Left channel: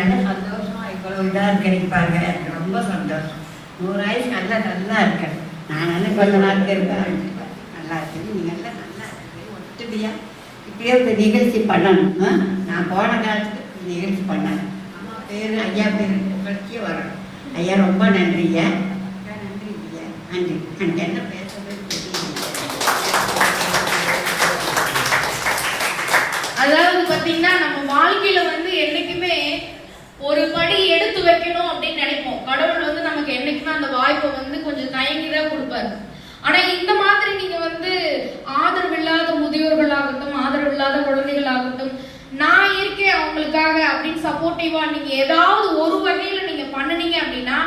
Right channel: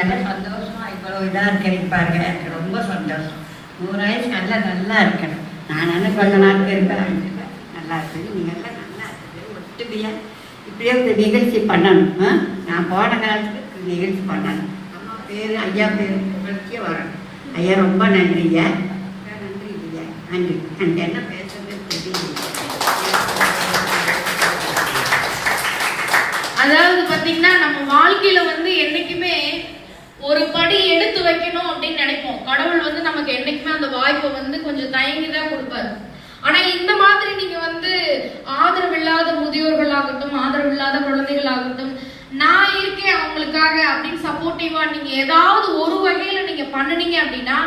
நல்ல சந்தோஷமா இவ்வளவு இதாக இருக்கிறீங்க பாருங்க. எனக்கு ரொம்ப சந்தோஷம். 100 வயசு நல்லா இருக்கணும். நான் கொஞ்ச நாள் இருப்பேன். நல்லா இருக்குது. நீங்கள்லாம் நல்லா இருக்குது. ஒட்டுமையாக இப்படியே ஒரு நிகழ்ச்சி பண்ணணும். நான் போன காலத்துக்கு நிகழ்ச்சி பண்ணணும். அம்மா பேர் ஐயா பேர் உங்களுக்கே வரணும். ஐயா ரொம்ப நன்றிங்க. நன்றிங்க. நன்றி. எனக்கு என்ன பேசுறது தெரியல. அதாவது பாத்தீங்கன்னா நம்ம வாழ்க்கையில என்னைக்குமே ஒரு படி எடுத்து வைக்கணும் அப்படின்னு நினைப்போம். கடவுள் நமக்கு என்னைக்குமே அந்த வாய்ப்பை கொஞ்சம் தயங்கிதான் கொடுப்பாரு. ஆனா இந்த மாதிரி நீங்க ஆதரவில்லாத முதியோர்களாகட்டும், ஆதரவில்லாத குழந்தைகளாகட்டும், நான் இருக்கேன் அவங்களுக்காக அப்படின்னு சப்போர்ட்டிவா நீங்க ஏதாவது ஒரு வகையில நீங்க பண்ணுனீங்க அப்படின்னா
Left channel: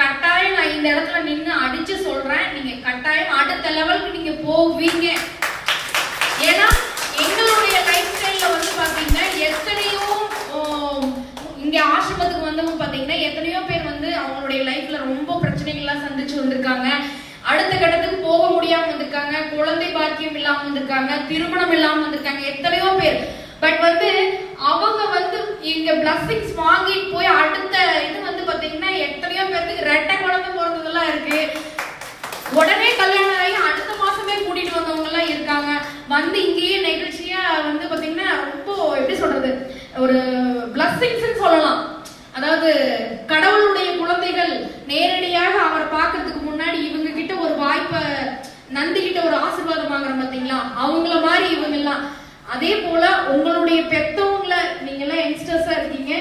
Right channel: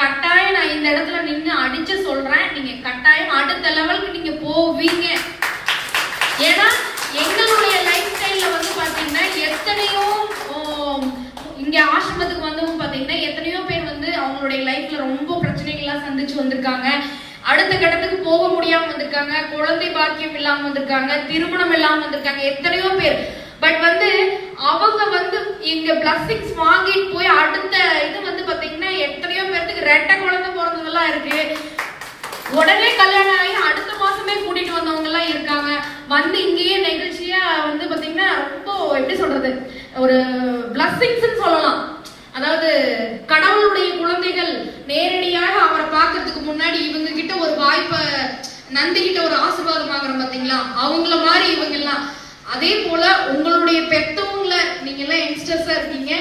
கட்டாயம் நான் இந்த இடத்துல நின்று அடிச்சு சொல்றேன், நீங்க கட்டாயம் அடுத்த லெவலுக்கு நீங்க போவீங்க. ஏன்னா எங்களுடைய லைஃப் ஸ்டைல்ல பாத்தீங்கன்னா எத்தனையோ இங்க ஆசிரமத்துக்கு வந்தவங்க பாத்தீங்கன்னா எத்தனையோ பேர் அவங்களுடைய லைஃப்ல ரொம்ப பிரச்சனைகள்லாம் சந்திச்சு வந்திருக்காங்க. அடுத்த கட்டத்துக்கு போக முடியாம வந்திருக்காங்க, குழந்தை பாக்கியம் இல்லாம வந்திருக்காங்க, திருமணம் இல்லாம வந்திருக்காங்க, எத்தனையோ பேர். பட் அவங்க இங்க பிளஸிங்ஸ் வாங்கிட்டு போய் அடுத்த இது பாத்தீங்கன்னா எத்தனையோ பேருக்கு ரெட்டை குழந்தை பிறந்ததெல்லாம் இருக்கு. உடனே கல்யாணம் ஆகி அடுத்த மாசமே கூட்டிட்டு வந்தவங்க எல்லாம் இருக்காங்க. இங்கேயே நிகழ்ச்சியா பாத்தீங்கன்னா ரொம்ப எப்படி சொல்றது, ஒரு பிளஸிங்ஸ் சொல்லலாம். அதாவது கடவுளுடைய குழந்தைகள் நேரடியாக அவரை பார்க்கறதுக்கு முன்னாடி இவங்க கிட்ட ஒரு வாய்ப்பை, நந்தி கிட்ட ஒரு ஆசீர்வாதம் வாங்குறோம் பாத்தீங்களா, அவங்கள மாதிரி இவங்க எல்லாம். அதே போல உங்களுடைய பெத்தவங்களை, நீங்க எல்லாம் யங்ஸ்டர்ஸா இருக்கீங்க,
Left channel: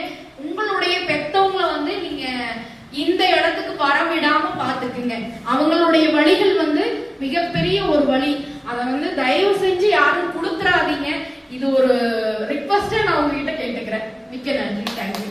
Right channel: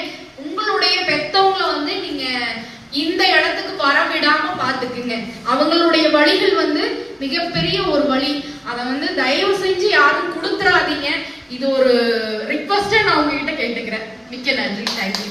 உங்களுடைய பெத்தவங்களை நீங்க இந்த இடத்துக்கு வரவிடாம பாத்துக்குங்க. அவங்களுடைய வழிகள் மிகப்பெரிய ஒரு வழி. அதை தயவு செஞ்சு யாரும் கொடுத்துறாதீங்க. இது ஒரு ரிக்வெஸ்டா நான் உங்ககிட்ட கேட்டுக்கிறேன். மிக்க நன்றி. தேங்க்யூ.